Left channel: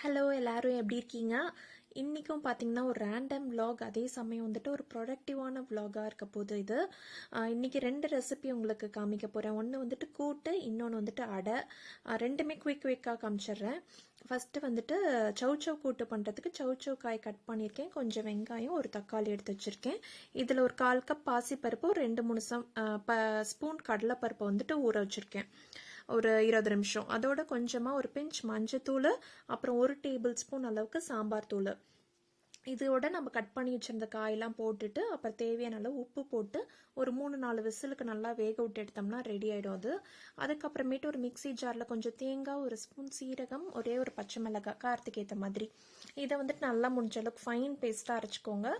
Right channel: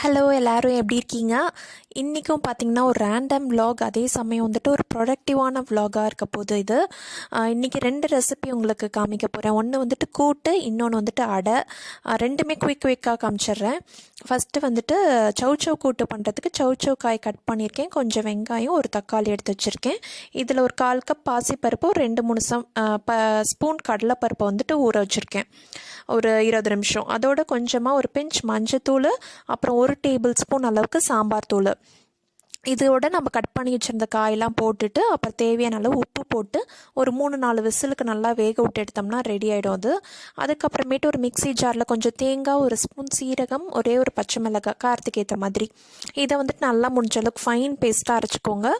Hello எல்லோரும் எப்படி இருக்கீங்க? இன்றைக்கும் பார்த்திங்கன்னா ஒரு ரேண்டம் vlog, அதே சமயம் வந்துட்டு ஒரு ப்ரொடக்டிவான vlog-ஆக இருக்க போகுது இது. இன்றைக்கி 2 ரெசிபி உங்களுக்கு காமிக்க போகிறேன். ஒன்று வந்துட்டு கூட்டு, இன்னொன்று வந்துட்டு அடை. ரெண்டுமே குயிக்காக காமிச்சிட்றேன். ஃபஸ்ட்டு வந்துட்டு சௌ கூட்டு பண்ணுறதுக்கு சௌ காய் கட் பண்ணியிருக்கேன், கொஞ்சம் வெங்காயம், ஒரு தக்காளி எடுத்து வச்சுருக்கேன். இதில் ஒரு 1/4 கப் பாசிப்பருப்பு, ஒரு 2-3 ஸ்பூன் கடலைப்பருப்பை வந்துட்டு ஊற வச்சுருக்கேன் ஒரு 20 நிமிஷம். அதோட கொஞ்சமாக ஒரு பிஞ்ச் மஞ்சத்தூள், அப்புறம் 1 டேபிள் ஸ்பூன் அளவுக்கு சாம்பார் தூள். இதோட நம்ம கட் பண்ணி வச்சுருந்த காயெல்லாம் போட்டுட்டு, அப்புறம் தேவையான அளவு உப்பு போட்டு ஒரு 3-4 விசிலுக்கு நல்லா வேக விட்டு எடுத்தோம்னா ரெடி ஆகிடும் அது. அதுக்கப்புறமேட்டு ஒரு மிக்ஸி ஜாரில் கொஞ்சம் தேங்காய், 1 ஸ்பூன் சீரகம், ஒரே ஒரு பச்சை மிளகாய் காரத்துக்கு ஏற்ற மாதிரி, இதை வந்துட்டு நல்லா முடிஞ்ச அளவுக்கு ஃபைன் பேஸ்ட்டாக அரைச்சிக்கோங்க.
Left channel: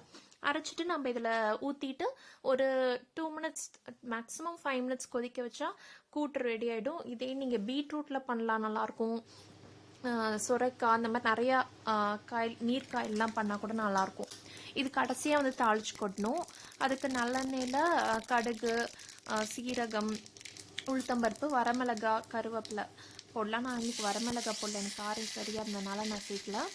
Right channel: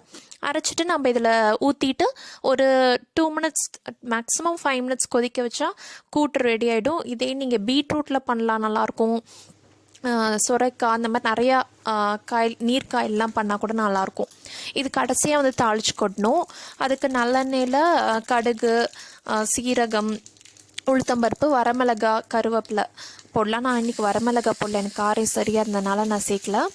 அரைச்சிட்டு நம்ம இதில் ஊற்றிட்டு ஒரு 2 மினிட்ஸ், மேக்ஸிமம் 5 மினிட்ஸ் கொதிக்க வச்சா கூட்டு ரெடி ஆகிடும். இதே நீங்கள் பீட்ரூட்டில் பண்ணலாம், நல்லாயிருக்கும். சுரைக்காய், அந்த மாதிரி நிறையா நீர்க்காயெல்லாம் பண்ணால் கூட நல்லாயிருக்கும். இது கடைசியாக வந்து தாளித்து கொட்டணும். அதுக்கு நல்லெண்ணெயில் கடுகு, சீரகம், உளுத்தம்பருப்பு, வரமிளகாய், கருவேப்பிலை போடலாம். நான் இன்றைக்கி வரமிளகாய் போடல, எனக்கு காரம் சரியாக இருந்ததுனால நான் சேர்க்கல.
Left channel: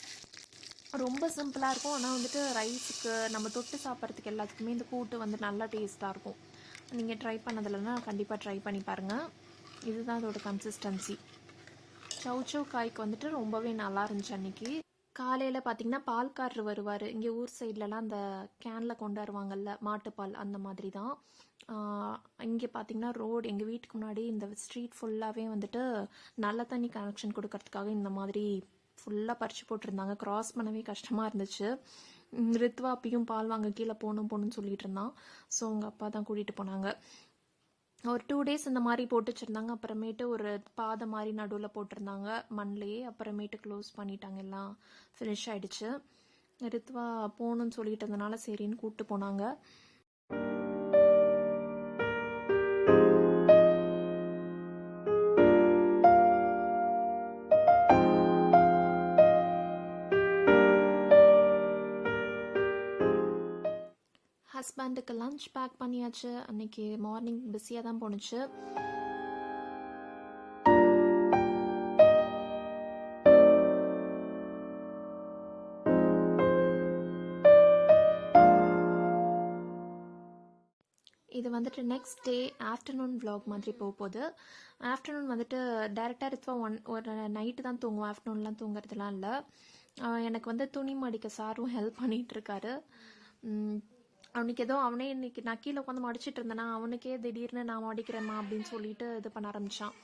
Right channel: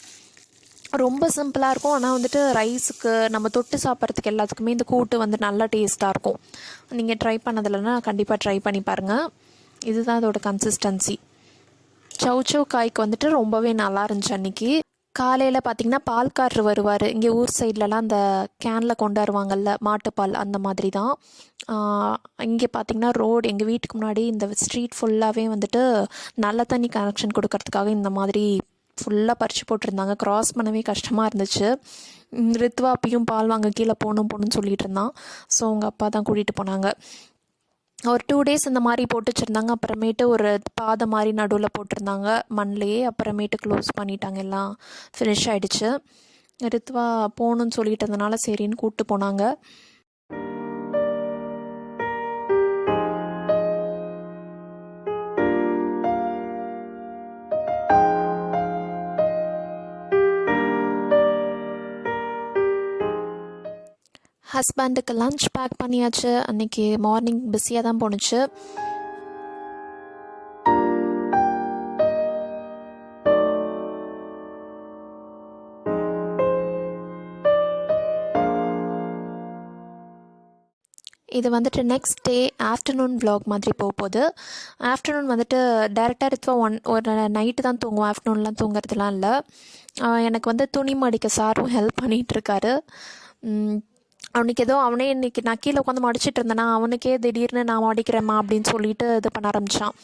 ரொம்ப சிம்பிளாக இருக்கும். ஆனால் வந்துட்டு ரைஸுக்கு நம்ம தொட்டு சாப்பிட்றதுக்கு எல்லாத்துக்குமே இந்த கூட்டு வந்து நல்லா டேஸ்ட்டாக இருக்கும். நீங்கள் ட்ரை பண்ணதில்லைன்னா கண்டிப்பாக ட்ரை பண்ணி பாருங்கள். இதுதான் அதோட கன்சிஸ்டன்சி. சௌ காய்க்கு வந்துட்டு ரொம்பவே நல்லா இருந்துச்சு. அன்றைக்கி காலையில் பார்த்திங்கன்னா பால்காரர் வருவார். இங்கே ஊர் சைட்லலாம் அந்த கேனில் கொண்டு வருவாங்கள்ல மாட்டுப்பால், அந்த மாதிரி தான். இங்கே பார்த்திங்கன்னா ரோடு, எங்கள் வீட்டுக்கு முன்னாடி இந்த ஸ்ட்ரீட் ஃபுல்லாகவே வந்துட்டு நல்ல தண்ணி கனெக்ஷன் கொடுக்கறதுக்காக இந்த மாதிரி ஃபுல்லாக பறித்து போட்டிருந்தாங்க. க்ராஸ் பண்ணவே கஷ்டமாக இருந்துச்சு. ரித்வா அப்பயும் பால் வாங்க கீழே போகணும்னு சொல்லிகிட்டு இருந்தான். ஸோ அவங்க அப்பா தான் கூட்டிகிட்டு போனாங்க. ஒரு 2 டேஸ் இந்த மாதிரி போட்டு வச்சுருந்தாங்க. அப்புறமேட்டு ஒரு பாதை மாதிரி நடுவில் போட்டிருந்தாங்க மண்ணிலேயே. அப்புறமேட்டு க்ளோஸ் பண்ணிட்டாங்க, எல்லாம் ஃபினிஷ் ஆகிடுச்சு. ரித்வா போகணுன்னு சொல்லிட்டு இருந்தனால சரின்னு கூப்பிட்டு போனாங்க. ஹஸ்பண்டுக்கு லன்ச் பேக் பண்ணியாச்சு. அன்றைக்கி மார்னிங் பிஸியாக தான் போணுச்சு. இது வந்துட்டு நெக்ஸ்ட் டே ஆஃப்டர்நூன் vlog மாதிரி போகுது. ஆஃப்டர்நூன் வந்துட்டு டேரெக்டாக ரித்வா ஒரு நைட்டு தான் தூங்குவோம், ஆஃப்டர்நூன்லாம் தூங்குறதுலாம் இல்லை. எனக்கு வந்து துணி மடிக்க சாரும் ஹெல்ப் பண்ணிகிட்ருக்காரு. அவனுக்கு ஏதோ அவனே இன்றைக்கி நான் கீழே உட்காந்து மடிச்சிட்டு இருந்தேன்னா அவனுக்கே திடீர்னு நான் மடிக்கிறேம்மா அப்படின்னு சொல்லிட்டு இது பண்ண ஆரம்பித்தான்.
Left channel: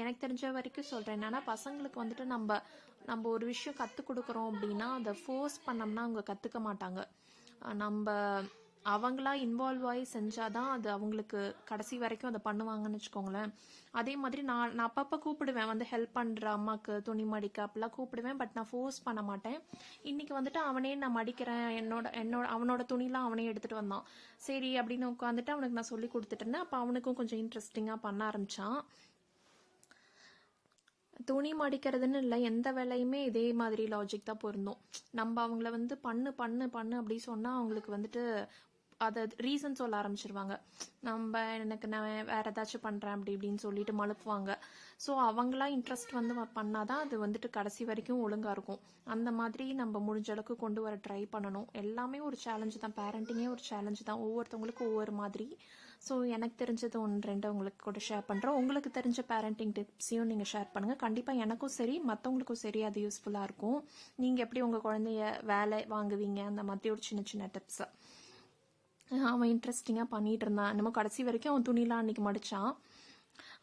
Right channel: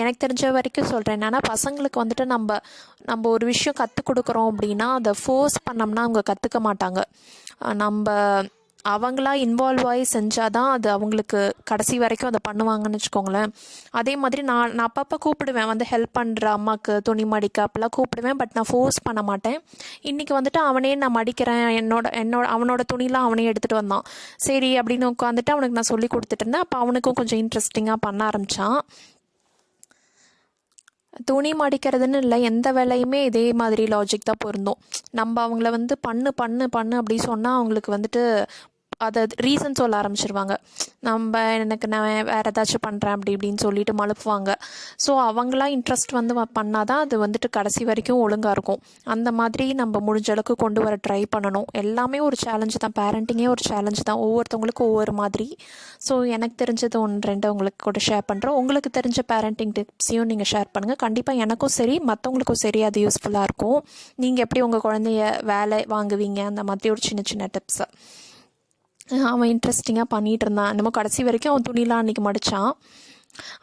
எனக்கு தெரிஞ்ச வரைக்கும் சொல்கிறேன் என்னென்னா, பசங்களுக்கு வந்துட்டு நம்ம ஒரு விஷயம் கற்றுக் கொடுக்குறோம் அப்படின்னா அதை ஃபோர்ஸ் பண்ணோம்னா அவங்க கற்றுக்க மாட்டாங்க. நம்ம அவங்களா இன்வால்வ் ஆகி செஞ்சால் தான் அது அவங்களுக்கு கடைசி வரைக்கும் அதை பண்ணுவாங்கன்னு வச்சுக்கோங்களேன். அதே மாதிரி நான் அப்பப்போ கூப்பிடுவேன், வந்து ஹெல்ப் பண்ணுற அம்மாவுக்கு துணி மடிக்க அப்போல்லாம் கூப்பிடுவேன். பட் நான் ஃபோர்ஸ் பண்ண மாட்டேன். இன்றைக்கி வந்துட்டு அவனே நான் மடிக்கிறேன், அவனோட துணிலாம் அவனே எடுத்துகிட்டு வந்தான். சரி அப்படின்னு உட்காந்துட்டு அவனுக்கு நான் சொல்லி கொடுத்துட்டு இருந்தேன். அப்போ அவனுக்கும் கொஞ்சம் இன்ட்ரெஸ்டிங்காக பண்ண ஆரம்பித்தான். துணி மடிக்கிறதுன்னு இல்லை, எந்த வேலையுமே இதே மாதிரி லாஜிக் தான் பொருந்தும். நம்ம அவங்கள வந்து பண்ணு பண்ணு பண்ணு அப்படி சொன்னால் அவங்களுக்கு வந்துட்டு அதை ரீசன் சொல்ல ஆரம்பிச்சிருவாங்க. எனக்கு நான் வேறு ஏதாச்சும் பண்ணுறேன் அப்படி இப்படின்னு சொல்லிட்டு மழுப்புவாங்க. ஸோ அவங்களாம் இன்ட்ரெஸ்ட் வந்து பண்ணால் தான் அது வந்துட்டு கடைசி வரைக்கும் ஒழுங்காக இருக்கும். அந்த மாதிரி நம்ம முடிஞ்ச அளவுக்கு கொண்டு வர ட்ரை பண்ணணும். எல்லாமே ஒரு சேலஞ்சு தான், பேரண்டிங்கே ஒரு சேலஞ்சு தான், ஒவ்வொருத்தவங்களுக்கும் ஒவ்வொரு மாதிரி. ஸோ எனக்கு தெரிஞ்சது 1-2 உங்களுக்கு கூட ஷேர் பண்ணுறோம். உங்களுக்கு தெரிஞ்ச பேரண்டிங் டிப்ஸையும் நீங்கள் ஷேர் பண்ணுங்கள். கண்டிப்பாக எனக்கும் சரி மற்றவங்களுக்கும் சரி அது யூஸ்ஃபுல்லாக இருக்கும். நீங்கள் எப்படி உங்கள் குழந்தைய வேலை வாங்குவீங்க, அந்த மாதிரி ஒரு சின்ன சின்ன டிப்ஸை அவன் இன்ட்ரெஸ்டிங்காக பண்ணிகிட்டு இருந்தான். என்னமோ கடைசி வரைக்கும் அவன் துணிலாம் அன்றைக்கி மடித்தான்.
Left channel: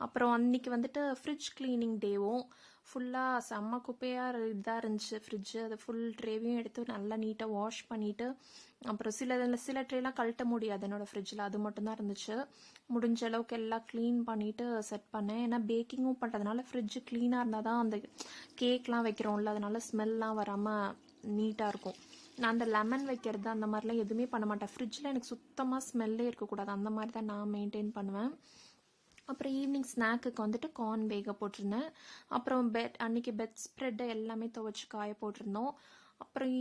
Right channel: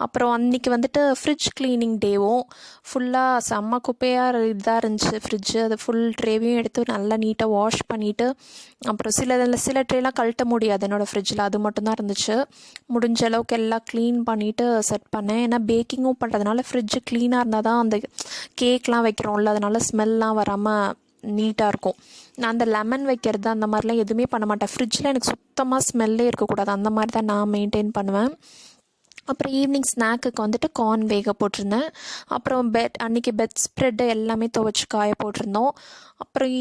அப்புறம் அன்றைக்கி வந்துட்டு ஃப்ரிட்ஜ் க்ளீனிங் டேவும் ஃபுல்லாக செம்ம குப்பையாக இதாக இருந்துச்சு ஃப்ரிட்ஜு. அது ஃபுல் ட்ரேவையும் எடுத்து நல்லா நீட்டாக வாஷ் பண்ணிவிட்டு, அப்புறம் சில ட்ரேலாம் கழட்ட முடியாது என்னோடய ஃப்ரிட்ஜில், அது மட்டும்தான் இருந்துச்சு. முடிஞ்ச அளவுக்கு எல்லாம் க்ளீன் பண்ணிவிட்டு செட் பண்ணேன். ஏன்னா பேக்கிங்கும் பண்ணுறதுனால ஃப்ரிட்ஜு க்ளீனாக இருந்தால் தான் அந்த கேக்லாம் வைக்கிறோம்ல, அதனால ஸ்மெல்லாம் வராமல் நீட்டாக இருக்கும். நான் அந்த லெமன் வைக்கிறது அந்த மாதிரிலாம் எதுவுமே பண்ண மாட்டேன். ஃப்ரிட்ஜில் எனக்கு சுத்தமாக ஸ்மெல்லே இருக்கக்கூடாது, அந்த மாதிரி தான் நான் மெயின்டைன் பண்ணுவேன். அப்புறம் ஈவினிங் ஸ்நாக்குக்கு வந்துட்டு கார்ன் வேக போட்டிருந்தேன். அப்புறம் அன்றைக்கி பெட் ஸ்ப்ரெட்டு எல்லாமே துவைச்சி காய போட்டிருந்தோம். அப்புறம்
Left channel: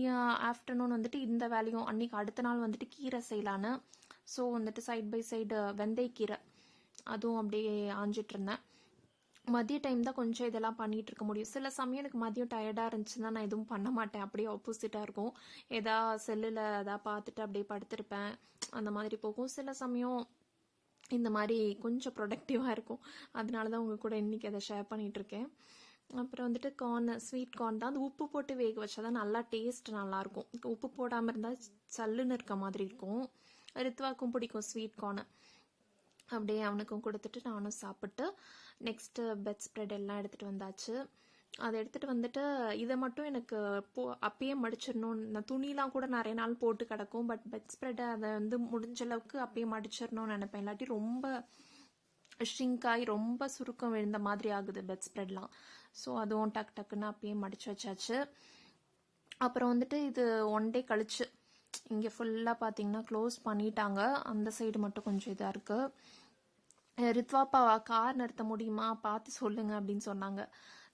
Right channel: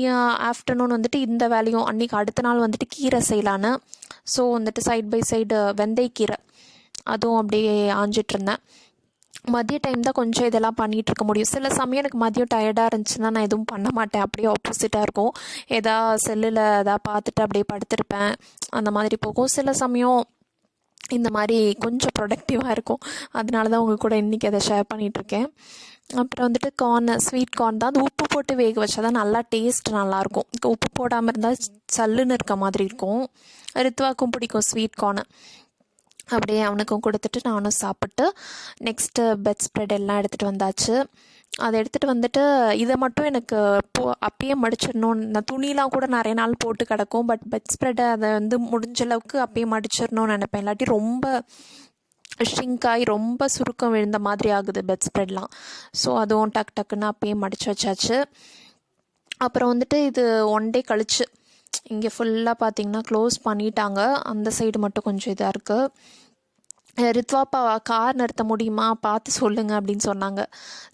ஆஃப்டர்நூன் வந்துட்டு இந்த வேலையும், அன்றைக்கி அடுத்த நாள் வந்துட்டு கீரை செய்யலான்னு. ஸோ வந்துட்டு சைட் பை சைடு வெந்தயக்கீரை அதுவும் அப்படியே ஆஞ்சிட்ருந்தேன். மதிய டைம் தான் கொஞ்சம் இதெல்லாம் பண்ணிகிட்டு இருக்க முடியும். சில சமயம் எனக்கு மதியம் டயர்டாக இருந்துச்சுன்னா நான் எதுவும் பண்ண மாட்டேன். அப்படியே ஆப்போசிட்டாக இருக்கும். செல்லில் பார்த்துட்டு அப்படியே படுத்திருப்பேன். அந்த மாதிரி போகும். சில சமயம் இந்த மாதிரி கொஞ்சம் ப்ரொடக்டிவாக இருக்கும். அதனால தான் உங்கள் கூட இன்றைக்கி அதை ஷேர் பண்ணிகிட்ருக்கேன். அப்புறம் வந்துட்டு ஸ்வீட் கார்ன் தான். அது உப்பு போட்டு வேக வச்சா தான் நல்லா டேஸ்ட் நல்லாயிருக்கும். உப்பு போடாமல் இருந்தால் சல்லுன்னு இருக்க மாதிரி இருக்கும். ரித்வாக்கும் பிடிக்கும் ஸ்வீட் கார்னு. அப்படியே அவனுக்கும் கொடுத்துட்டு நானும் சாப்பிட்டு நெக்ஸ்ட்டு பெட் ஸ்ப்ரெட் எல்லாம் எடுத்துகிட்டு வந்தாச்சு. அதை எடுத்துகிட்டு வந்துட்டு இதை மட்டும் எனக்கு அப்பயே மடிச்சிடணும். நான் துணிலாம் கூட நிறைய நாள் போட்டு கிடக்கும். பட் பெட் ஸ்ப்ரெட்டை அதை முடிஞ்ச அளவுக்கு அப்பயே மடிச்சிடணும்னு நினைப்பேன். இல்லாட்டி ரொம்ப ஷ்ரிங்காகி ரொம்ப சுருக்கம் விழுந்த மாதிரி ஆகுது பெட் ஸ்ப்ரெட்லாம். ஸோ அதுவும் டக்குன்னு அப்பயே மடித்து வச்சாச்சு. அப்புறம் வந்துட்டு இது 1 டே கழிச்சு இங்கே ஃபுல்லாக பார்த்திங்கன்னா க்ளோஸ் பண்ணிட்டாங்க. அந்த சைடு மட்டும் கொஞ்சம் இதாக இருக்குது. ரித்வாப்பா கார் நிறுத்த முடியுமா பார்த்து சொல்லுங்கள் அப்படின்னு சொன்னாங்க.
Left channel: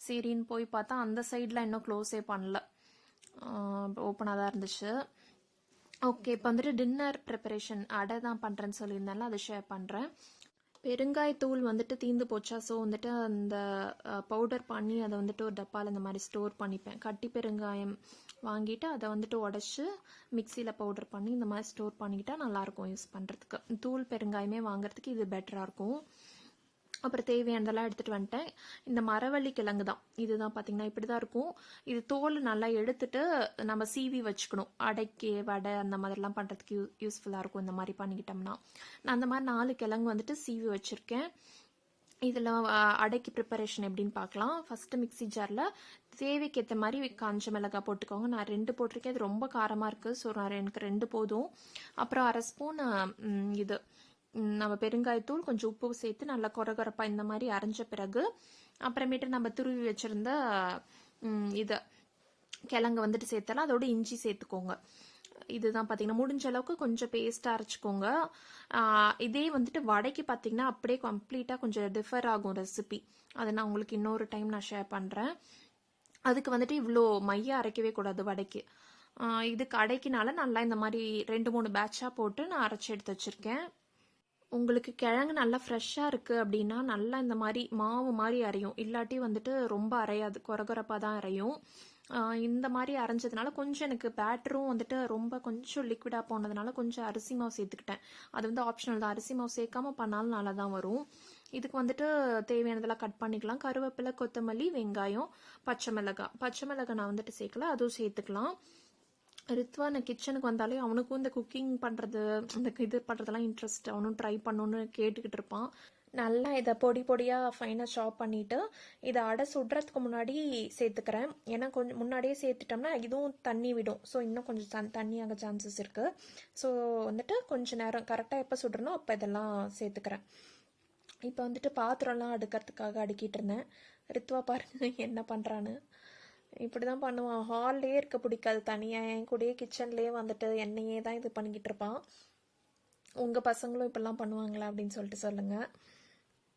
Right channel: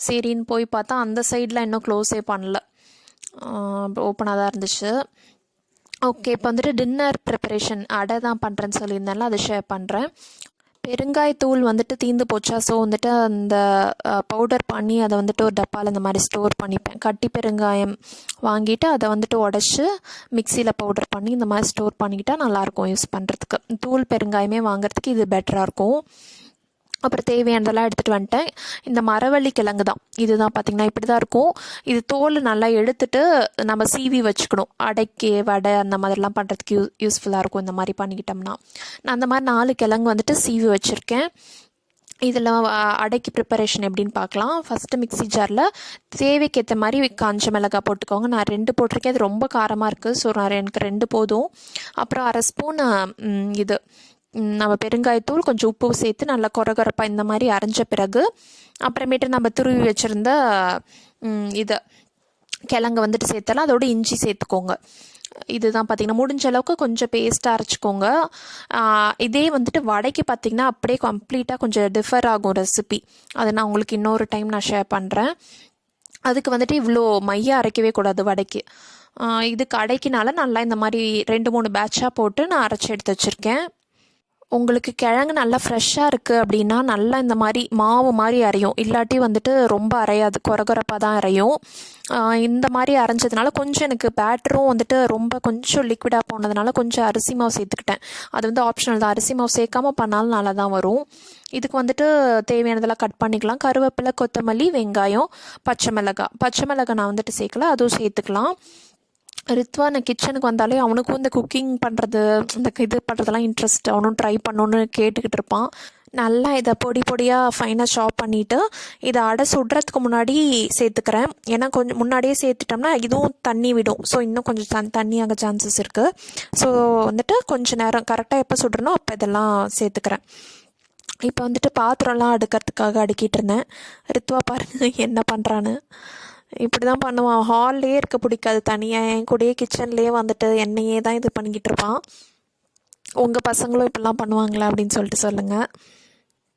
சரின்னு போய் பார்த்தா அந்த சைடில் இன்னும் க்ளோஸே பண்ணல, ஓப்பனாக தான் இருந்துச்சு. ஓகே, இப்போ வந்துட்டு டின்னர் ப்ரிப்பரேஷன் அடை தான் பண்ணுறேன்னு சொல்லியிருந்தேன்ல, அதை ஷேர் பண்ணுறேன். பெருங்காயத்தூள் வந்துட்டு தீர்ந்து போச்சா. ஸோ வந்துட்டு அந்த பவுடர் பண்ணி அதை வந்துட்டு ஒரு டப்பாவில் இந்த மாதிரி ஸ்டோர் பண்ணிப்பேன். கட்டி பெருங்காயம் வாங்கிட்டு அதை வந்துட்டு உடச்சி மிக்சியில் பவுடர் பண்ணி இந்த மாதிரி ஸ்டோர் பண்ணிக்கிட்டால் நல்லாயிருக்கும் யூஸ் பண்ணுறதுக்கு. தூள் பெருங்காயமே வாங்குறதுக்கு இது பெட்டராக இருக்கும். அப்புறம் தேவையானதெல்லாம் எடுத்துகிட்டு வந்துட்டேன். இந்த மரவள்ளி கிழங்கு தான், இதுதான் பார்த்திங்கன்னா இப்படி தான் இருக்கும். இது தோல் நல்லா எடுத்துட்டு நம்ம சீவி வச்சுக்கணும். அடைக்கு வடை அந்த மாதிரிலாம் பண்ணுறதுக்கு யூஸ்ஃபுல்லாக இருக்கும் இந்த மாதிரி பண்ணிக்கிட்டோம்னா. நான் அந்த மாதிரி 4 கிழங்கு வந்துட்டு சீவி வச்சுருக்கேன். இதில் அடைக்கு ப்ரிப்பரேஷன் எப்படின்னு பார்க்கலாம். ஃபஸ்ட்டு மிக்ஸி ஜாரில் தேவைக்கு ஏற்ற மாதிரி காஞ்ச மிளகாய் போட்டுக்கோங்க. நான் 2 போட்டிருக்கேன். அது ரொம்ப காரமாக இருக்குது. ஸோ எனக்கு 2 போதும். அப்புறம் 1/2 ஸ்பூன் இது நம்ம பெருங்காயத்தூள், கொஞ்சம் உப்பு சேர்த்து நல்லா கொரகொரப்பாக இந்த மாதிரி அரைஞ்ச பிறகு அப்புறமேட்டு நம்ம துருவி வச்சுருந்த இதை கிழங்கு வந்துட்டு சேர்த்தலாம். அதோட இஞ்சி சேர்த்துக்கோங்க. இதுதான் பார்த்திங்கன்னா முடிஞ்ச அளவுக்கு கொஞ்சம் பேஸ்ட்டாக அரைச்சிக்கோங்க. இதே வந்துட்டு வடைக்கு பார்த்திங்கன்னா அப்படியே கம்ப்ளீட்டாக கொஞ்சம் டிஃபர் ஆகும் ரெசிபி. அதை நான் உங்களுக்கு இன்னொரு டைம் நான் ஷேர் பண்ணுறேன். அதுக்கு வந்துட்டு இவ்வளோ மையாக அரைக்கவே கூடாது வடைக்கு. இதுக்கு அடைக்கினால நல்லா இந்த மாதிரி 2-3 பேட்சாக போட்டு நான் அரைச்சி எடுத்து வச்சுருக்கேன். உங்களுக்கு கிழங்கு நல்லா ஃப்ரெஷ்ஷாக இருக்குது அப்படின்னா நல்லா இந்த மாதிரி மாவு மாதிரி அரையும். இல்லாட்டி வந்துட்டு ரொம்ப அரையாது, கொரகொரப்பாக தான் அரையும். இந்த மாதிரி அரைஞ்சதுனால கொஞ்சம் எனக்கு பேட்டரும் வந்துட்டு ரொம்ப கொஞ்சம் லிக்விடாக போனதுனால கொஞ்சம் அரிசி மாவு சேர்த்துக்கிட்டேன். அது ஆப்ஷனல் தான். அரிசி மாவு சேர்க்காமல் பண்ணாலும் நல்லா தான் வரும். இதுக்கு வந்துட்டு தேவையானதெல்லாம் கட் பண்ணிக்கலாம். கருவேப்பிலை, கொத்தமல்லி, வெங்காயம், பச்சை மிளகாய் நான் வந்துட்டு சேர்க்கல, அதுவும் சேர்த்துக்கலாம். ரித்வா நான் கிச்சனுக்கு வந்தாலே அவனுக்கும் இந்த குக்கிங் பண்ணுறது, இந்த இது பண்ணுறதெல்லாம் இன்ட்ரெஸ்ட். அவனும் ட்ரை பண்ணணுன்னு கேட்டுக்கிட்டு இருப்பான். நல்லா இதை பொடியாக ஃபைனாக சாப் பண்ணிவிட்டு இதை அடை சுடுறதுக்கு முன்னாடி சேர்த்துக்கிறேன். ஏன்னா கொஞ்சம் முன்னாடியே சேர்த்துட்டோம்னா இதுவும் தண்ணி விடும். ஸோ இன்னும் கொஞ்சம் தண்ணியாக சான்சஸ் இருக்குது. ஸோ வந்துட்டு கொஞ்சம் நேரம் கரெக்டாக எப்போ சுடுறனோ அப்போ இதெல்லாம் சேர்த்துக்கிறேன். இப்போ வந்துட்டு பாத்திரம்லாம் அடுக்கிறதுக்காக அடுக்கிட்டு இருந்தேன். ரித்வா பாருங்க என்ன பண்ணுறான்னு. இப்படி தான் பண்ணுவான். ஹால்லே இருக்க பிடிக்காது, தனியாக என் கூடயே கிச்சன்லேயே வந்துட்டு என்னையே தான் இது பண்ணிக்கிட்டு இருப்பான். உங்கள் பசங்களும் இப்படிலாம் பண்ணுவாங்களா அப்படின்னு சொல்லிட்டு சொல்லுங்கள்.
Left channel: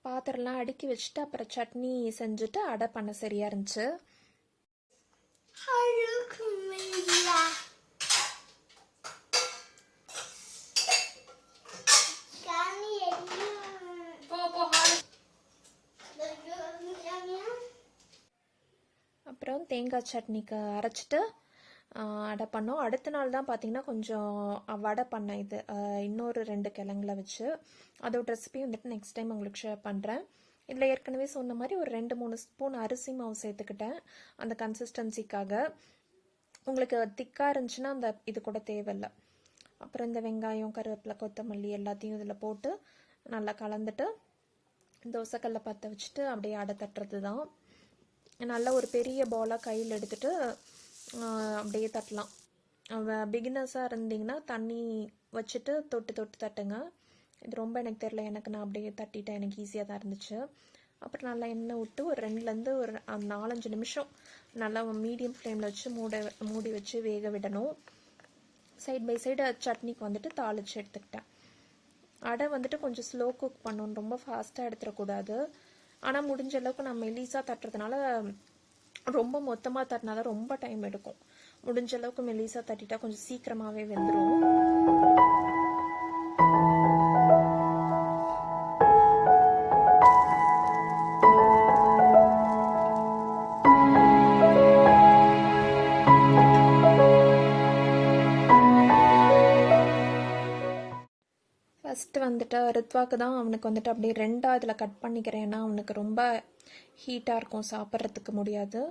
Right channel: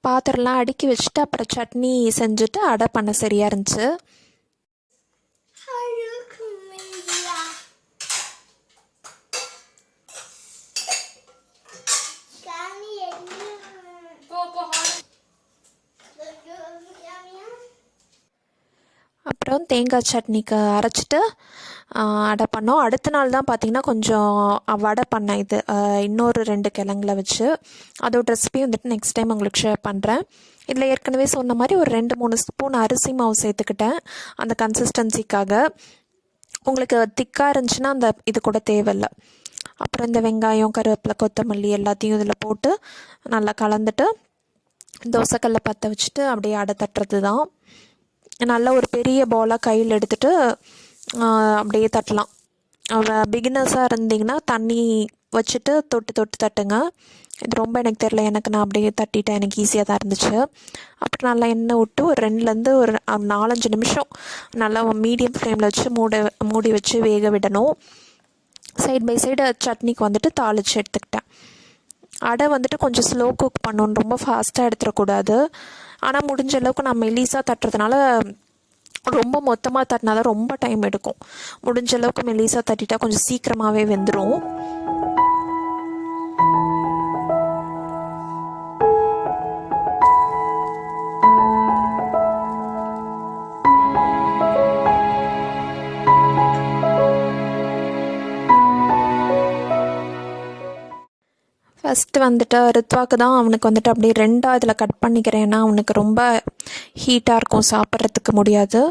பாத்திரம்லாம் அடுக்கி வச்சுட்டு அப்புறம் சட்னி செஞ்சுட்டு அடை பண்ண சரியாக இருந்துச்சு. அப்புறம் தேங்காய் சட்னிக்கு அரைச்சிட்டு அடை பண்ணோம். அடுத்த நாள் தான் பார்த்திங்கன்னா கொஞ்சம் வடை பண்ணேன். இது இன்னொரு 2 கிழங்குல வச்சு அதோட ரெசிபி வந்துட்டு நெக்ஸ்ட் டைம் உங்களுக்கு ஷேர் பண்ணுறேன். இதில் ஏற்கனவே சொன்ன மாதிரி ஒரு 2-3 ஸ்பூன் அரிசி மாவு சேர்த்துக்கிட்டேன் அந்த கன்சிஸ்டன்சிக்காக. உங்களுக்கு திக்காக இருந்துச்சுன்னா அந்த இது கூட தேவையில்லை. அப்புறம் இந்த வெங்காயம், கருவேப்பிலை, கொத்தமல்லி எல்லாத்தையும் இதில் போட்டு நல்லா கலந்துட்டு தோசைக்கல்லை பற்ற வச்சுட்டு அப்படியே அடை தட்டுறது தான். நல்லா ஒரு பெரிய பாலாக கையில் எடுத்துகிட்டு அப்படியே தட்டலாம். பிகினர்ஸாக இருந்தீங்கன்னா தண்ணி வச்சுட்டு தொட்டு தட்டுங்க. இது ரொம்ப எனக்கு தெரில, நான் அப்படியே தட்டிட்டேன். எனக்கு ஈஸியாக தான் இருந்துச்சு. அப்புறம் நல்லா எண்ணெய் விட்டு ஒரு 2லேருந்து ஒரு 4-5 நிமிஷம் நல்லா மீடியம் ஃப்ளேமில் வச்சு மூடி வச்சு வேக விடணும். சைட் பை சைடு சட்னிக்கு வந்துட்டு தாளித்து எடுத்துக்கிட்டேன். அடை வந்துட்டு கொஞ்சம் ஸ்லோ குக் பண்ணணும், ரொம்ப ஃபாஸ்ட்டாக எடுத்துடக்கூடாது. ஆனால் முடிஞ்ச அளவுக்கு நம்ம மெலிசாக தட்டுறதுனால ரொம்ப மொத்தமாக தட்டினா தான் ரொம்ப டைம் எடுக்கும். முடிஞ்ச அளவுக்கு மெலிசாக தட்டிட்டா கொஞ்சம் சீக்கிரமாகவே வெந்துடும். ஃபஸ்ட்டு வந்துட்டு ரித்வாக்கு தான் அவனுக்கு வந்துட்டு அப்படியே ரெண்டாக இதில் கட் பண்ணிக்கிறேன். ஏன்னா அவனுக்கு ரொம்ப ஹீட்டாக இருக்கும், சாப்பிட்றதுக்கு முடியாது.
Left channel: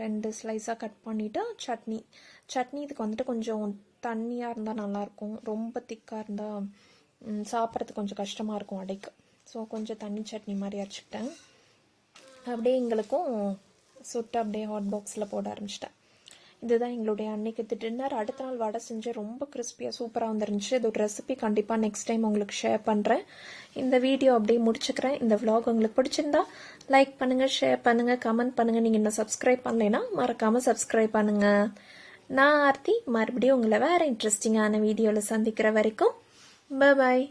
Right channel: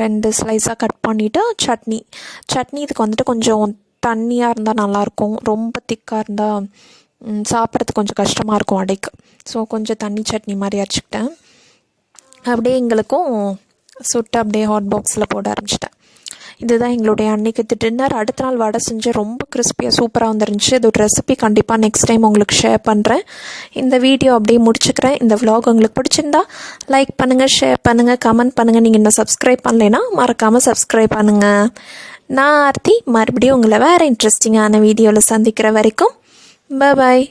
2 ஸ்லைஸாக கட் பண்ணிவிட்டு சட்னி இதுக்கு வந்துட்டு கொஞ்சம் தண்ணியாக இருந்தால் நல்லாயிருக்கும். ரொம்ப திக்காக இருந்தால் சாப்பிட்றதுக்கு கொஞ்சம் கஷ்டமாக இருக்கும் அடைக்கு. ஸோ கொஞ்சம் தண்ணி சட்னி மாதிரி அரைச்சிக்கிட்டேன். அப்படியே எங்களுக்கும் சுட்டு அப்படியே ஹாட் பாக்ஸில் போட ஆரம்பிச்சிட்டேன். இதுதான் எங்களுடைய அன்றைக்கி டின்னர். அடுத்த நாள் வடை செஞ்சு ரொம்ப கிறிஸ்பியாக சூப்பராக வந்துருந்துச்சு. இதோட ரெசிபி கண்டிப்பாக நெக்ஸ்ட் டைம் உங்களுக்கு ஷேர் பண்ணுறேன். இந்த வீடியோ அப்படியே முடிச்சுக்கிறேன். இந்த vlog உங்களுக்கு பிடிச்சிருந்தா லைக் பண்ணுங்கள், ஷேர் பண்ணுங்கள், கமெண்ட் பண்ணுங்கள். நீங்கள் இன்னும் சப்ஸ்கிரைப் பண்ணலைன்னா மறக்காமல் சப்ஸ்கிரைப் பண்ணுங்கள். நான் ஆர்த்தி மறுபடியும் உங்களை வேறு இன்ட்ரெஸ்டிங்கான வீடியோவில் சந்திக்கிற வரைக்கும் பாய்.